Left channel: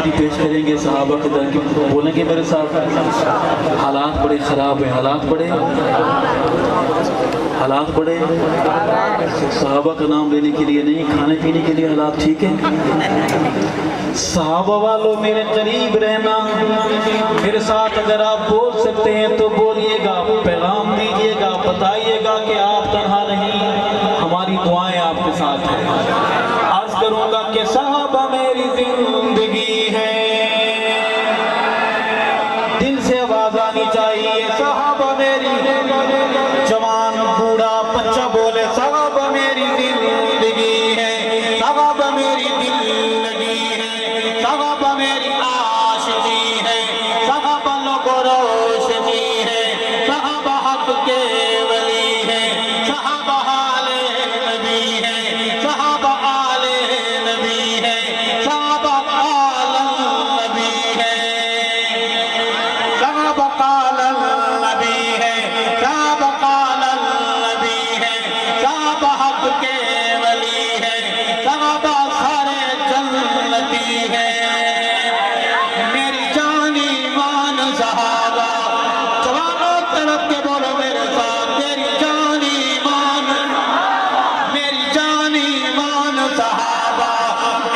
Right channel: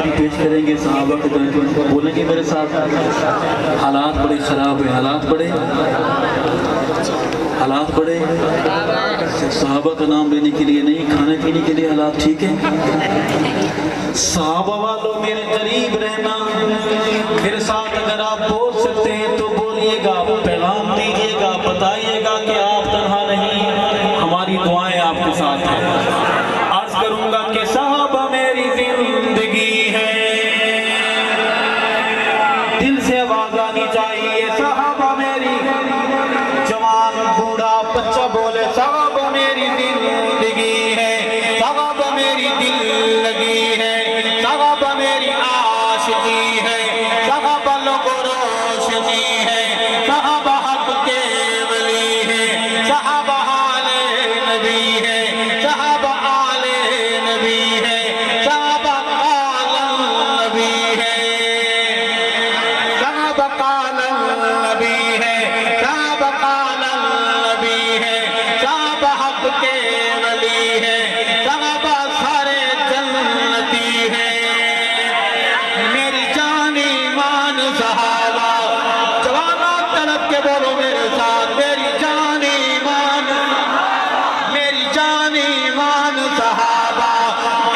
آیت پیش کریں گے صحابہ کے درمیان، بولیں گے میرے ساتھ؟ حالات بڑے خراب ہیں، حالات بڑے صحابہ کا نام لینے کے لیے نہیں، کھانے پینے کے لیے حالات ٹھیک ہیں؟ صحابہ والوں میرے قریب رہنا، میرے ساتھ اگر آپ بول سکتے ہیں تو بولیے گا، پیغام دیجیے گا، بتائیے گا کہ آپ تنہا نہیں، ہماری دعائیں آپ کے ساتھ ہیں۔ عرض کروں گا کہ صحابہ میری زندگی ہے، دل سے آواز آنی چاہیے، صحابہ میری، جوان بوڑھا بچہ بولے صحابہ میری زندگی ہے، صحابہ میری دل لگی ہے، صحابہ میری عاشقی ہے، صحابہ لب و روشنی ہے، صحابہ حق کے ولی ہے، صحابہ آل نبی ہے، صحابہ آل نبی ہے، صحابہ قال النبی ہے، صحابہ قال النبی ہے، صحابہ قال النبی ہے، صحابہ حق کے ولی ہے، صحابہ سارے جنتی ہے، میری جان ایمان صحابہ، جوانوں طلب کے بولو میرے ساتھ، میری جان ایمان، میری جان ایمان صحابہ،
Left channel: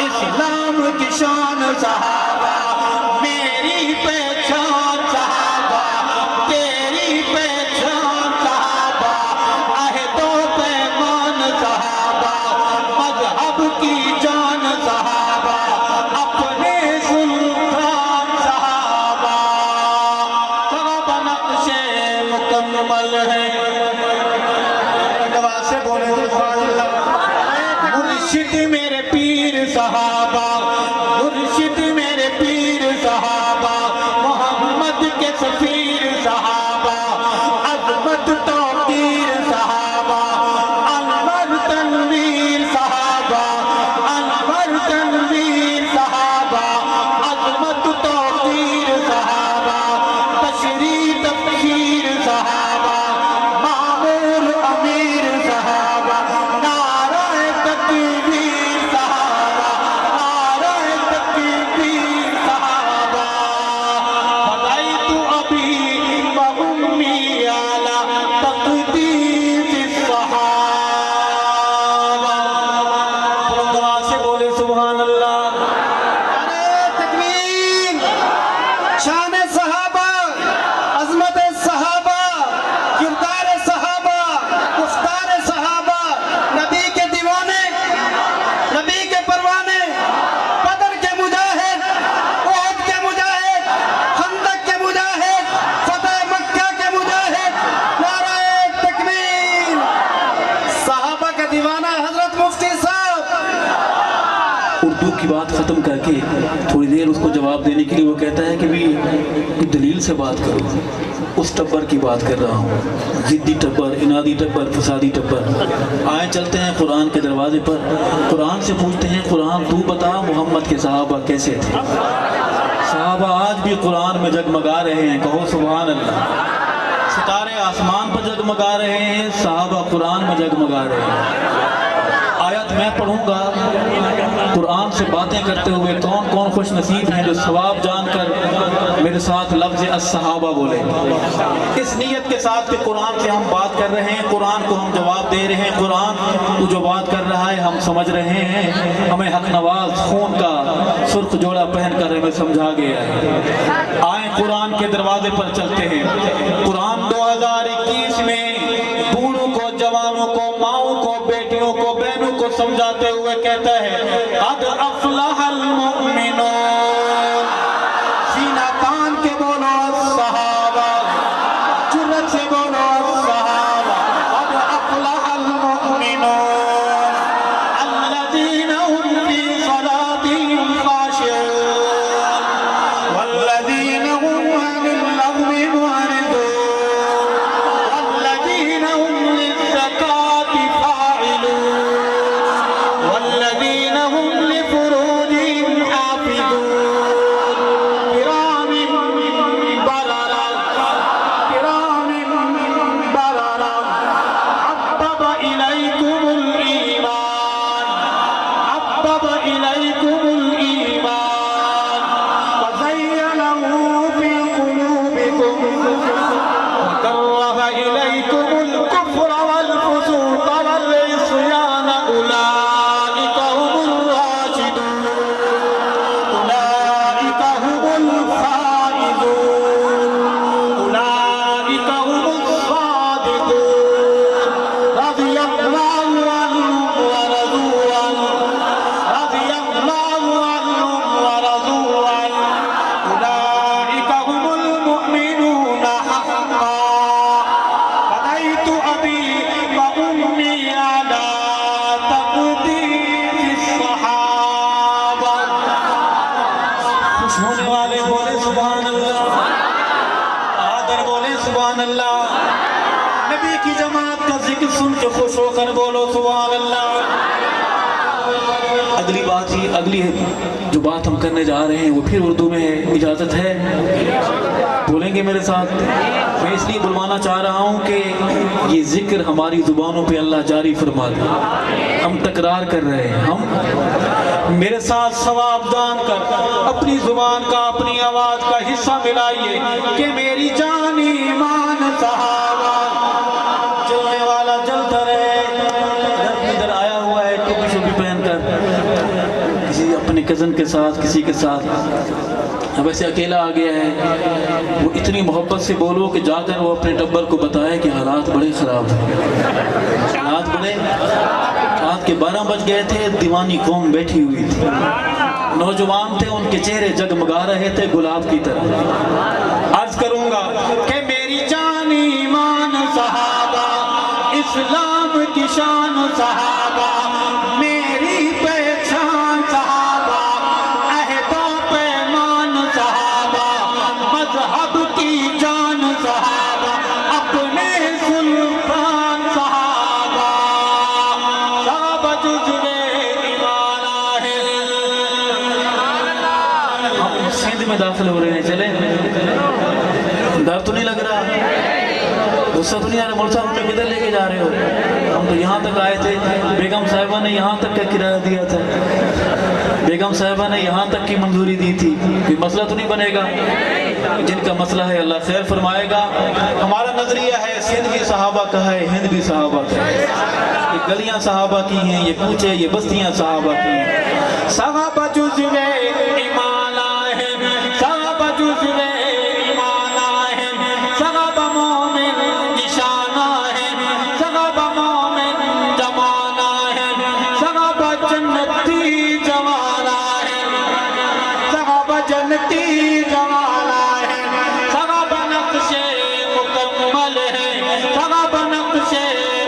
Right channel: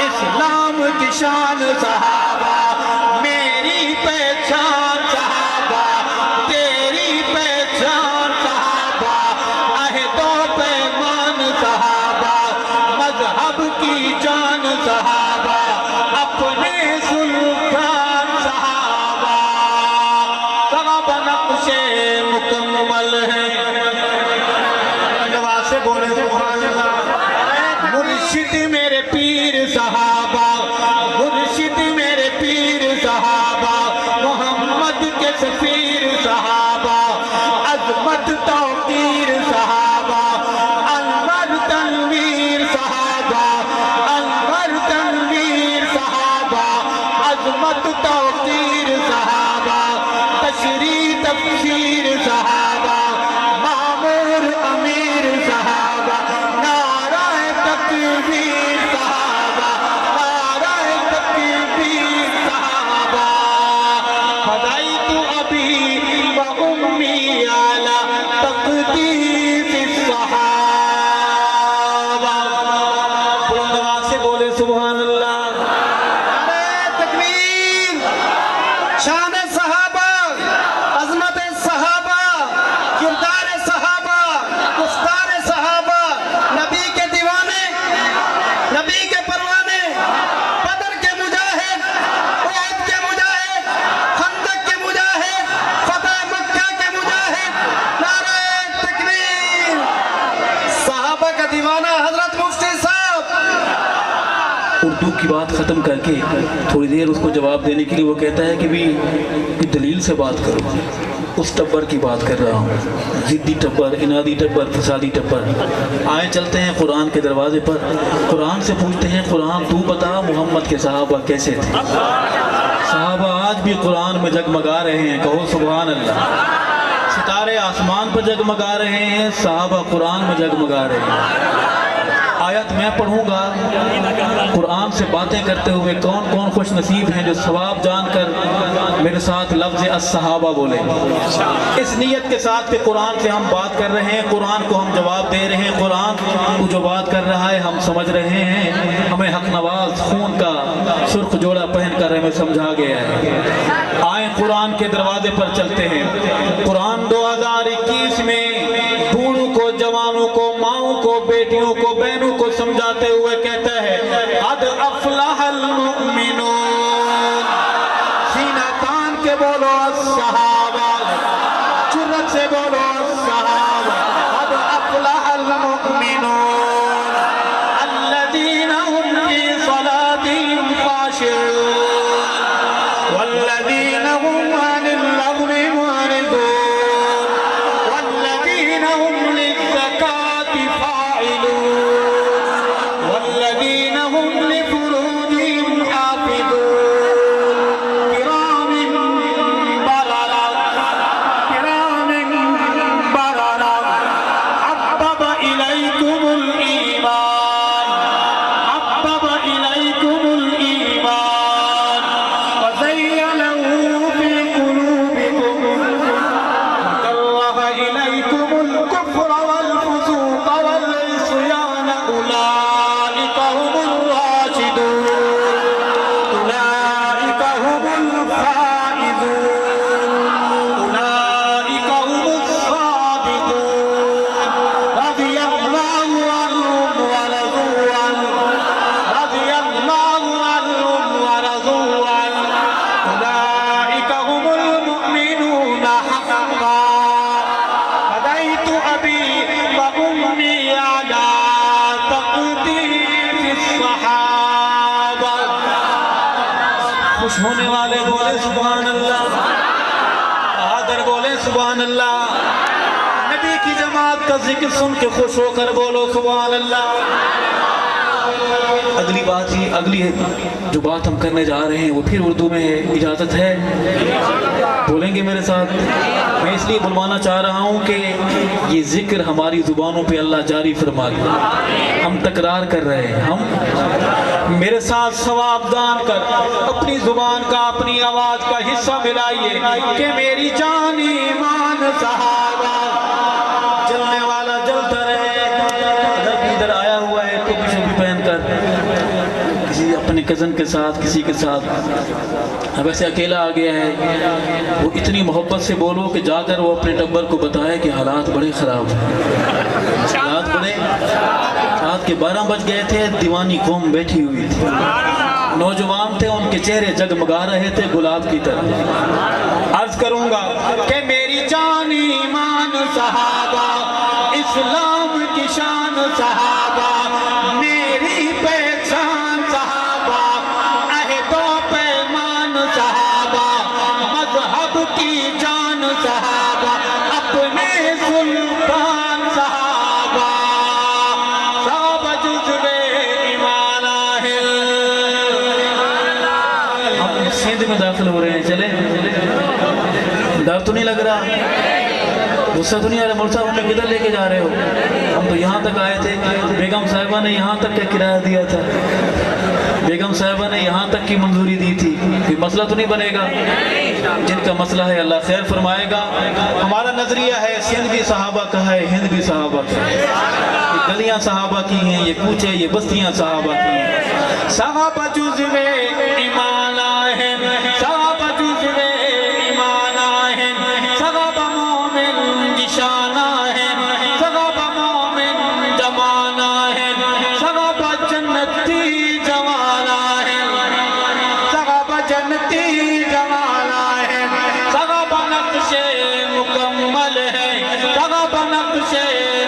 اسلام کی شان صحابہ، میری پہچان صحابہ، تیری پہچان صحابہ، عہد و پیمان صحابہ، مذہب کی جان صحابہ، اپنے سلطان صحابہ، صحابہ نقش مکمل ہے، دعا سے بولے سبحان اللہ، مرشد میرے پیر صحابہ، مرشد میرے پیر صحابہ، محمد کے سفیر صحابہ، عظمت توقیر صحابہ، انور تنویر صحابہ، انور تنویر صحابہ، عظمت توقیر صحابہ، تشریح تفسیر صحابہ، معمور امیر صحابہ، نعرہ تکبیر صحابہ، نعرہ تکبیر صحابہ، فدیت ابی و امی علی تقدیس الصحابہ، بلند آواز سے بولے سبحان اللہ، نعرہ تکبیر، شان صحابہ، عظمت صحابہ، کردار صحابہ، گفتار صحابہ، نبی کے دیوانے، نبی کے پروانے، بدر کے مجاہد، احد کے مجاہد، خندق کے مجاہد، فتح مکہ کے مجاہد، نعرہ تکبیر، صحابہ کا دیوانہ حضرت مفتی صاحب۔ اردو کی بات ختم کر کے تھوڑی دیر اس کو جواب دینے کے لیے وہ کہتا ہے کہ بھی دلیل سے بات کرو، اس ٹبر کی بات کر رہا ہوں، ضدی ٹبر، انادی ٹبر، فسادی ٹبر۔ آئیں چلتے ہیں قرآن کے دروازے پر، قرآن سے پوچھتے ہیں قرآن تو بتا محمد کے صحابہ کیسے تھے؟ صحابہ آج بھی قرآن میں جگمگا رہے ہیں، کہو سبحان اللہ، ستارے آسمان پر جگمگا رہے ہیں، صحابہ قرآن میں جگمگا رہے ہیں۔ آیت میں پڑھوں گا، قرآن سے باتیں کرتے ہوئے کون کون خوش نصیب ہیں جو ثواب جان کر میرے ساتھ لفظ الصحابہ بولے، اس نیت کے ساتھ کہ قرآن سے ہم بات کر رہے ہیں، قرآن کو ہم جواب دے رہے ہیں، قرآن کو جو بات کر رہا ہے ہم سمجھ رہے ہیں، ہمیں حق نواز خون کا سرخ جوڑا پہن کر ہمیں سمجھا گیا ہے۔ آئیں قرآن کے دروازے پر چلتے ہیں، قرآن 2021 میں بوڑھوں کو، جوانوں کو، ماؤں کو، بیٹیوں کو، بہنوں کو سمجھاتے ہوئے کہتا ہے قد افلح المؤمنون، سینہ تان کے بولو الصحابہ، جرأت سے بولو الصحابہ، قد افلح المؤمنون الذین هم فی صلاتهم خاشعون والذین هم عن اللغو معرضون والذین هم للزکاة فاعلون والذین هم لفروجهم بات کا ذکر سن کے خوش ہو کر بولو سبحان اللہ۔ اگلی بات ہی اگلی جو بات ہم کرنے جا رہے ہیں وہ پھر اردو میں ہے، اجازت ہے؟ بولیں گے میرے ساتھ؟ میں اس لیے بلوانا چاہ رہا ہوں کہ یہ ذکر ہماری زبانوں پہ اللہ جاری فرما دے۔ ہم تکرار کر رہے ہیں، ہم میرے ساتھ ثواب دان کر اپنی زبان کا اپنی آواز کا حصہ ملائیے کہ میری جان ایمان صحابہ جلنے والا جلتا رہے۔ ادھر آیا ہوا ہے ٹوپی شوپی پہن کر کسی اپنے کزن کے ساتھ کسی کے ساتھ، ویسے اکیلا آ گیا ہے، وہ اتنی محبت سے بولو کہ جا کر وہ اپنے ٹبر کو بتائے کہ حالات بڑے خراب ہیں، حالات بڑے، رات کے 12 بج گئے تھے، دیوانی قوم بیٹھی ہوئی تھی، نوجوان تھے، ان کے چہرے جگمگا رہے تھے گلاب کی طرح۔ عرض کروں گا کہ میری جان ایمان صحابہ، اسلام کی شان صحابہ، میری پہچان صحابہ، عہد و پیمان صحابہ، مذہب کی جان صحابہ، اپنے سلطان صحابہ، صحابہ جزوے ایمان آہل۔ ہم سندھ میں داخل ہو رہے ہیں، چلیں؟ ڈر تو نہیں لگ رہا؟ غصہ تو نہیں آ رہا؟ مول صاحب ہمیں کدھر لے کے جا رہے ہو؟ ہم تو یہاں تک آئے تھے، بیگم صاحبہ نے یہاں تک کا کرایہ دیا تھا، بیگم صاحبہ نے یہاں تک کی منظوری دی تھی، کوئی مسئلہ تو نہیں بنے گا؟ جن کا مسئلہ ہے اللہ خیر فرمائے گا۔ ہمارا نظریہ ہے سندھ بھی صحابہ کا ہے، ہند بھی صحابہ کا ہے، یہ گلیاں صحابہ کی ہیں، یہ کوچے یہ بستیاں صحابہ کی ہیں۔ صحابہ جزوے ایمان آہن، صحابہ جزوے ایمان آہن، صحابہ مومن نشان آہن، صحابہ مومن جوان آہن، صحابہ جنتی جوان آہن، صحابہ جنتی جوان آہن، صحابہ نقش مکمل ہے، صحابہ نقش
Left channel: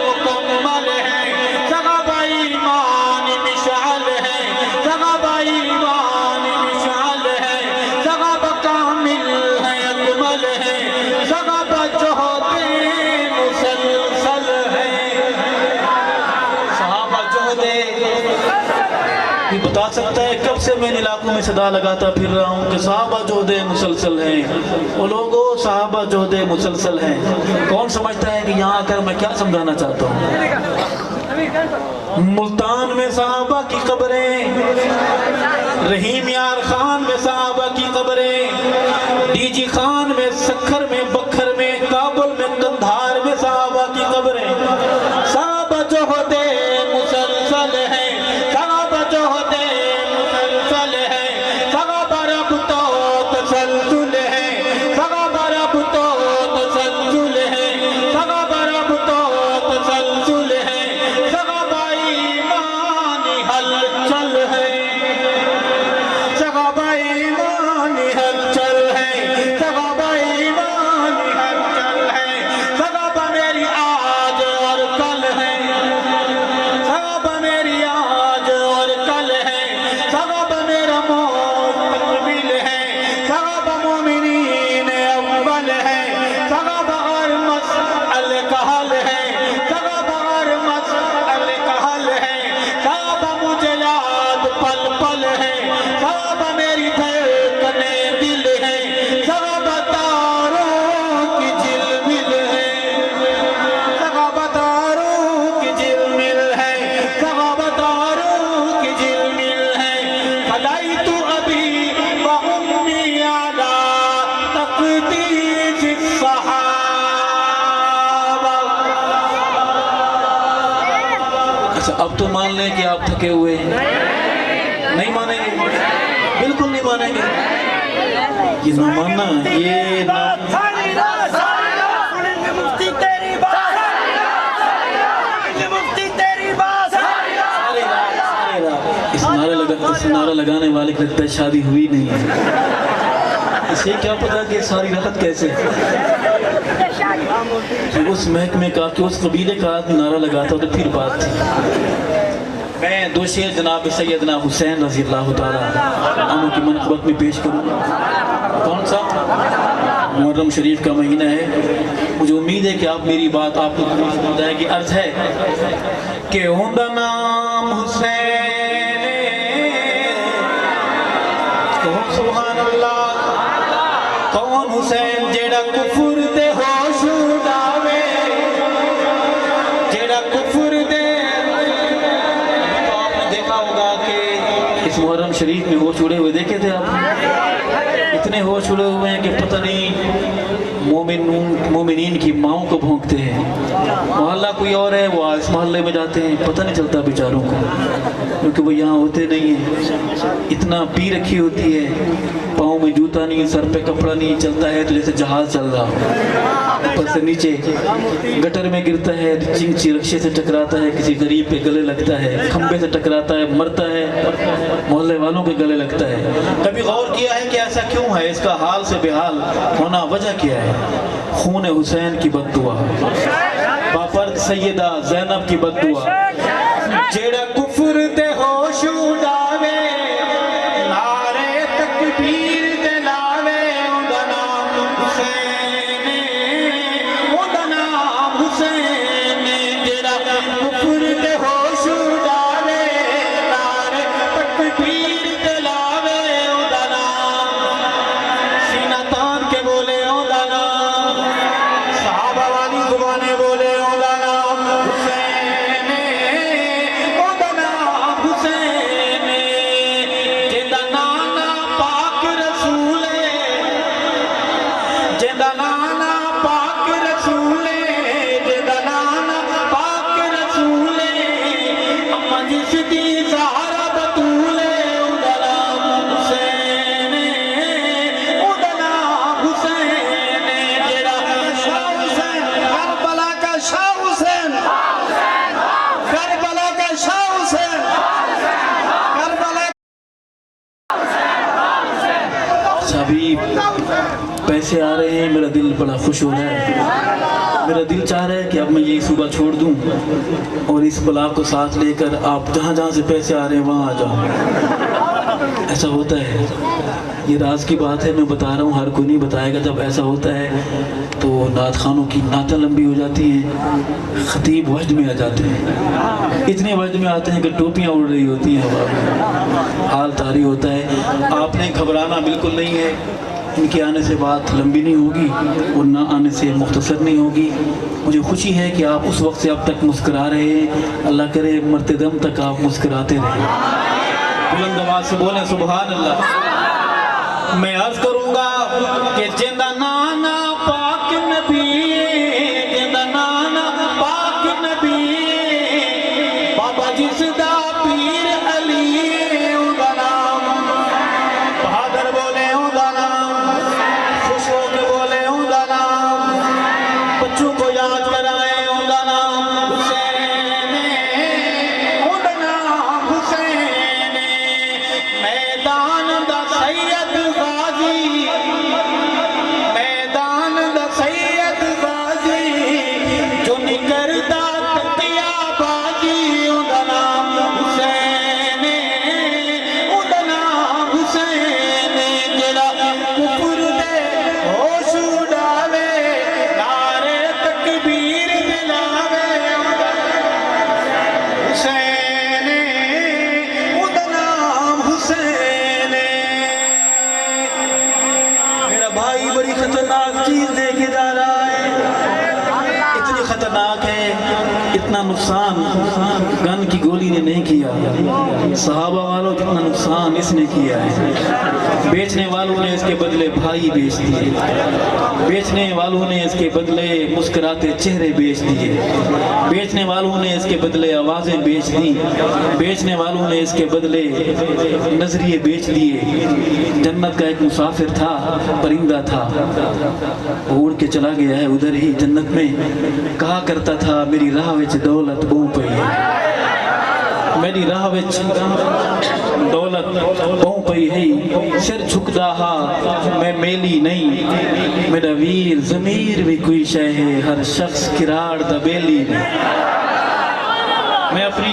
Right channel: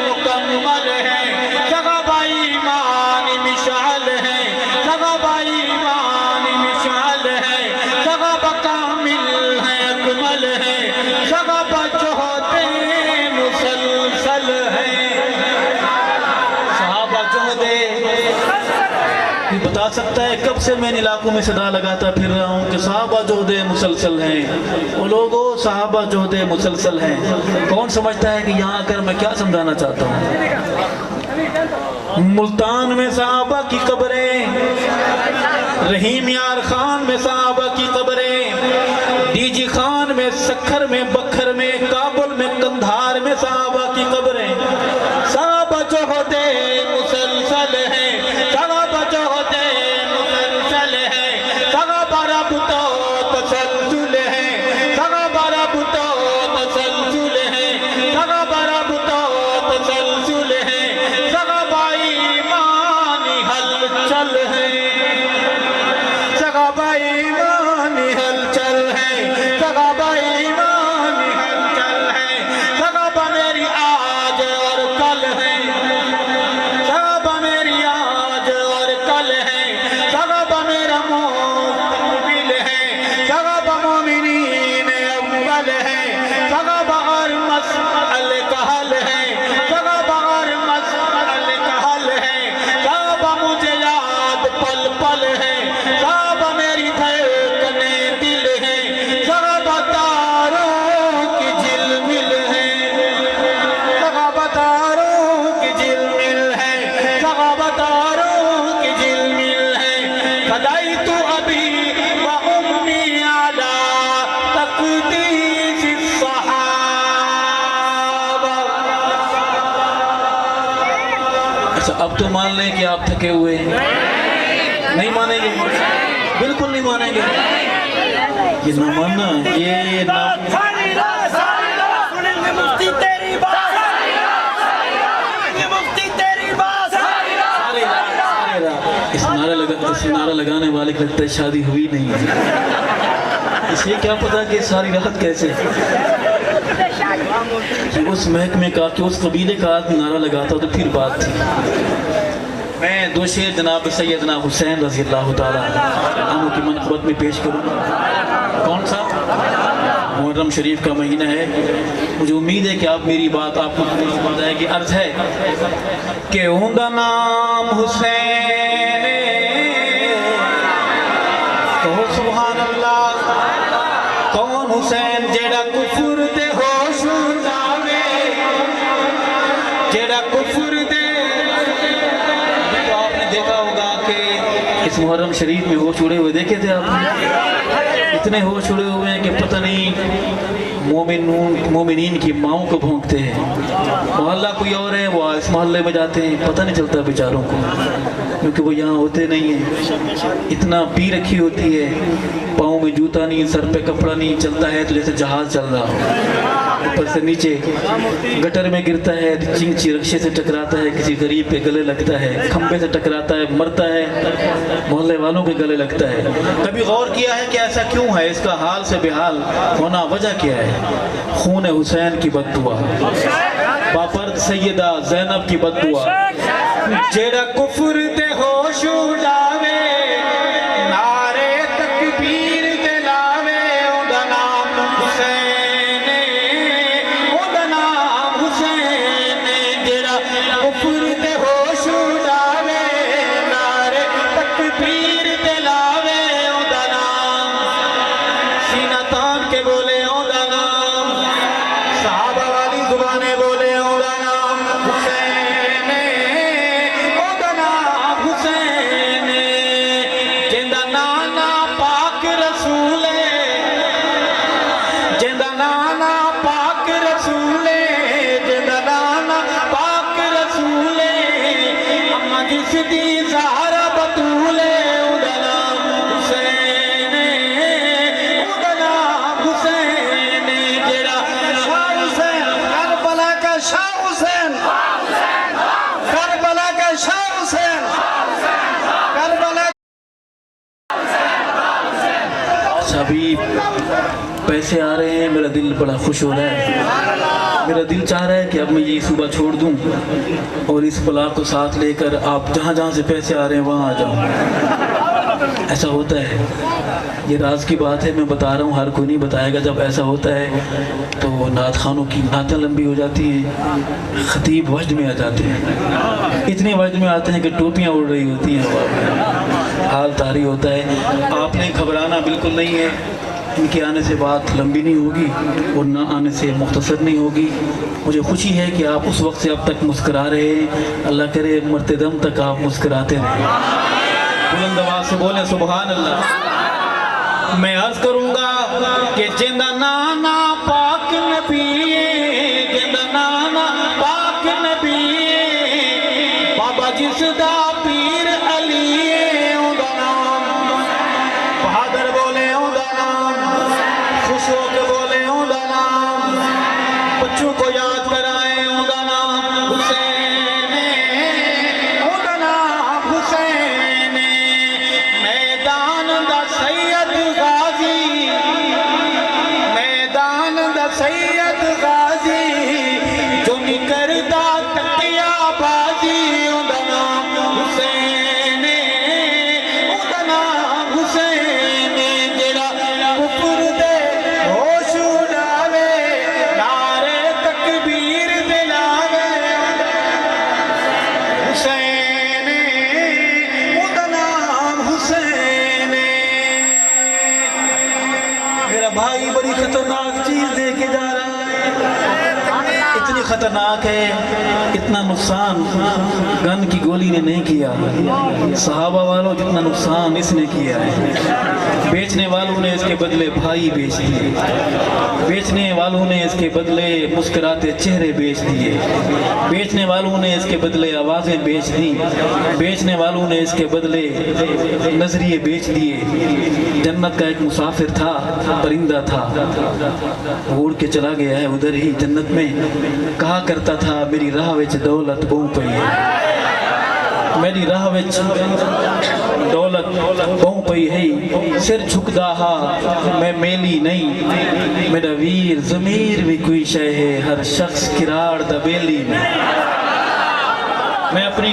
مکمل ہے، صحابہ ایمان مشعل ہے، صحابہ ایمان مشعل ہے، صحابہ کامل ہے اکمل ہے، صحابہ جہد مسلسل ہے، صحابہ جہد۔ یہ بتا سکتا ہے کب سے میں ان علاقوں میں صدا لگاتا پھر رہا ہوں کہ صحابہ جہد مسلسل ہیں؟ وہ لوگوں صحابہ جہد مسلسل ہیں۔ کون سمجھتا ہے کہ یہاں آ کر میں کیا سمجھانا چاہتا ہوں؟ ملتان میں صحابہ کی قبریں، رحیم یار خان میں صحابہ کی قبریں، ڈی جی خان میں، سکھر میں، بکھر میں، کابل میں، قندھار میں صحابہ کی قبریں۔ صحابہ جہد مسلسل ہے، صحابہ جہد مسلسل ہے، صحابہ رب تو تسلسل ہے، صحابہ رب تو تسلسل ہے، صحابہ رب تو تسلسل ہے، صحابہ ایمان ہلچل ہے، صحابہ ایمان ہلچل ہے، صحابہ ایمان ہلچل ہے، صحابہ میری آج اور کل ہے، صحابہ میری آج اور کل ہے، صحابہ میرا مستقبل ہے، صحابہ مومنین اول ہے، صحابہ اور مسئل کا حل ہے، صحابہ اور مسئل کا حل ہے، صحابہ مجھے یاد پل پل ہے، صحابہ میری دھڑکنے دل ہے، صحابہ تاروں کی جھلمل ہے، صحابہ تاروں کی جھلمل ہے، صحابہ تاروں کی جھلمل ہے، فدیت ابی و امی علی تقدیس الصحابہ۔ اچھا اب تو مان لیں کہ آپ تھکے ہوئے ہیں، نہیں مانیں گے؟ بالکل نہیں مانیں گے؟ یہ نہ ماننا ہے، یہ نہ ساری رات سنیں گے مفتی تیری بات، ساری رات سنیں گے مفتی تیری بات، ساری رات۔ اس نعرہ لگانے والے کی لگتا ہے شادی ہوئی نہیں ہے، اسے کیا پتا کہ ساری رات کیسے کہ اس محکمے کا کہ اس قبیلے کا نعرہ لگاتا تو پھر بات تھی۔ میں دو شعر جناب سیدنا حسین رضی اللہ تعالیٰ عنہ کی منقبت میں پیش کروں۔ کون سا؟ محرم شریف کا مہینہ ہے. مجھے امید ہے کہ آپ میری بات آپ کو سمجھ آئے گی. عرض ہے کہ اوندا نام حسین، کہو سبحان اللہ. کون حسین؟ جیڑا کفر دے ہوش اڑاوے، جیڑا کفر دے. تو آپ نے دیکھا ہوگا کہ اس محرم شریف میں ہوش اڑے ہوئے دیکھے تھے آپ؟ اتنے ہوش اڑے ہوئے ہیں کہ پتہ نہیں مومنین کی ماؤں کو بھونکتے ہیں. محلہ کوئی اور ہے، وہ اس محلے میں جاتے ہیں، پتہ نہیں چلتا بیچاروں کو، کیونکہ وہ یہاں ہوتے نہیں ہیں. اتنا پی رکھی ہوتی ہے، پاؤں میں جوتا نہیں، سر پہ کپڑا نہیں، چلتا ہے تو جیسے جہاز چل رہا ہو. اوپر سے نیچے گٹر میں گرتا ہے، چنگچی رکشے سے ٹکراتا ہے، کسی غریب پہ گلے لگتا ہے، کھمبے سے ٹکراتا ہے، مرتا ہے، محلے والوں کے گلے لگتا ہے. کبھی غور کیا ہے کہ ایسا کیوں ہے؟ اس کا حال سے بے حال ہونا وجہ کیا ہے؟ خون حسین کی بد دعا، باپرد سیدہ زینب کی بد دعا. جیڑا کفر دے ہوش اڑاوے، نعرے تکبیر دے لاوے، اوندا نام حسین، اوندا نام حسین. جیڑا کفر دے ہوش اڑاوے، نعرے تکبیر دے لاوے، اوندا نام. سینہ تان کے بولے اوندا نام، صحابہ والی زبانیں بولے اوندا نام حسین، اوندا نام حسین. جیندا نانا پاک رسول، جیندا نانا پاک رسول، جیندا نانا پاک رسول. اما جس دی زہرا بطول، اوندا نام حسین، اوندا نام حسین. جیڑا شاہ حسین، کربلا کا شاہ حسین، کربلا کا شاہ حسین، کربلا. ابھی پیسے آ رہے ہیں، میرا دل بڑا خوش ہو رہا ہے. میرا دل چاہ رہا ہے کہ اب میں یہ صبح چھوڑ دوں اور اس بلا کو ساتھ لے کر آپ جہاں جہاں سے پیسے آ رہے ہیں وہاں آ جاؤں. ایسا ہوتا ہے، یہ راز کی بات ہے، میں بتا رہا ہوں، ہر کوئی نہیں بتائے گا. جب ایسا ہوتا ہے تو نعت خانوں کی نعتیں لمبی ہو جاتی ہیں، خطیب وجد میں آ جاتے ہیں، اتنے وجد میں آتے ہیں کہ ٹوپیاں اڑ رہی ہوتی ہیں ہوا میں، حال طاری ہوتا ہے. آپ نے گھبرانا بالکل نہیں ہے. ان کے آنے سے بات لمبی نہیں ہوگی اور نہ آنے سے مختصر نہیں ہوگی. مجھے خوشی ہے کہ آپ اس وقت سے اب تک مسکرا رہے ہیں. اللہ کرے مرتے دم تک آپ مسکراتے رہیں. بلند آواز سے بولیں سبحان اللہ. میں عرض کروں گا کہ جیندا نانا پاک نبی، جیندا نانا پاک نبی، بابا جس دا پیر علی، اوندا نام. بہادر بولے اوندا نام، خوش ہو کے بولے اوندا نام. بچوں کو یاد کرائے اوندا نام حسین، اوندا نام حسین. میدان دا سید غازی، میدان دا سید غازی، جو نہیں کردا تکیا بازی، اوندا نام حسین، اوندا نام حسین. جیڑا کفر دے ہوش اڑاوے، نعرے تکبیر دے لاوے، حسین، اوندا نام حسین. میرا بھائی بڑی خطرناک چیز دے کے جا رہا ہے، اتنی خطرناک ہے، اتنا نقصان گن کی گولی نے نہیں کیا. صحابہ والوں جتنا نقصان اس نے کیا ہے. بیچنے والوں نے اس کے بدلے بھائی بیچ دیے، بیچنے والوں نے اس کے بدلے مسکراتے چہرے بیچ دیے، بیچنے والوں نے اس کے بدلے آوازیں بیچ دی، بیچنے والوں نے اس کے بدلے نظریے بیچ دیے. جنت کا ایک مسافر تھا، پرندہ تھا، اڑ کے چلا گیا ہے ادھر ہی جنت میں. کہا کرتا تھا میری راہ وچ دولت بہو پئی ہے، میری راہ وچ دولت بہو پئی ہے. سر جھکدا ہا میں میلی نہیں، میرا ویر ضمیر بھی کوئی شے ہے، ہر شخص کراڑ دا بیلی نہیں. میں اپنی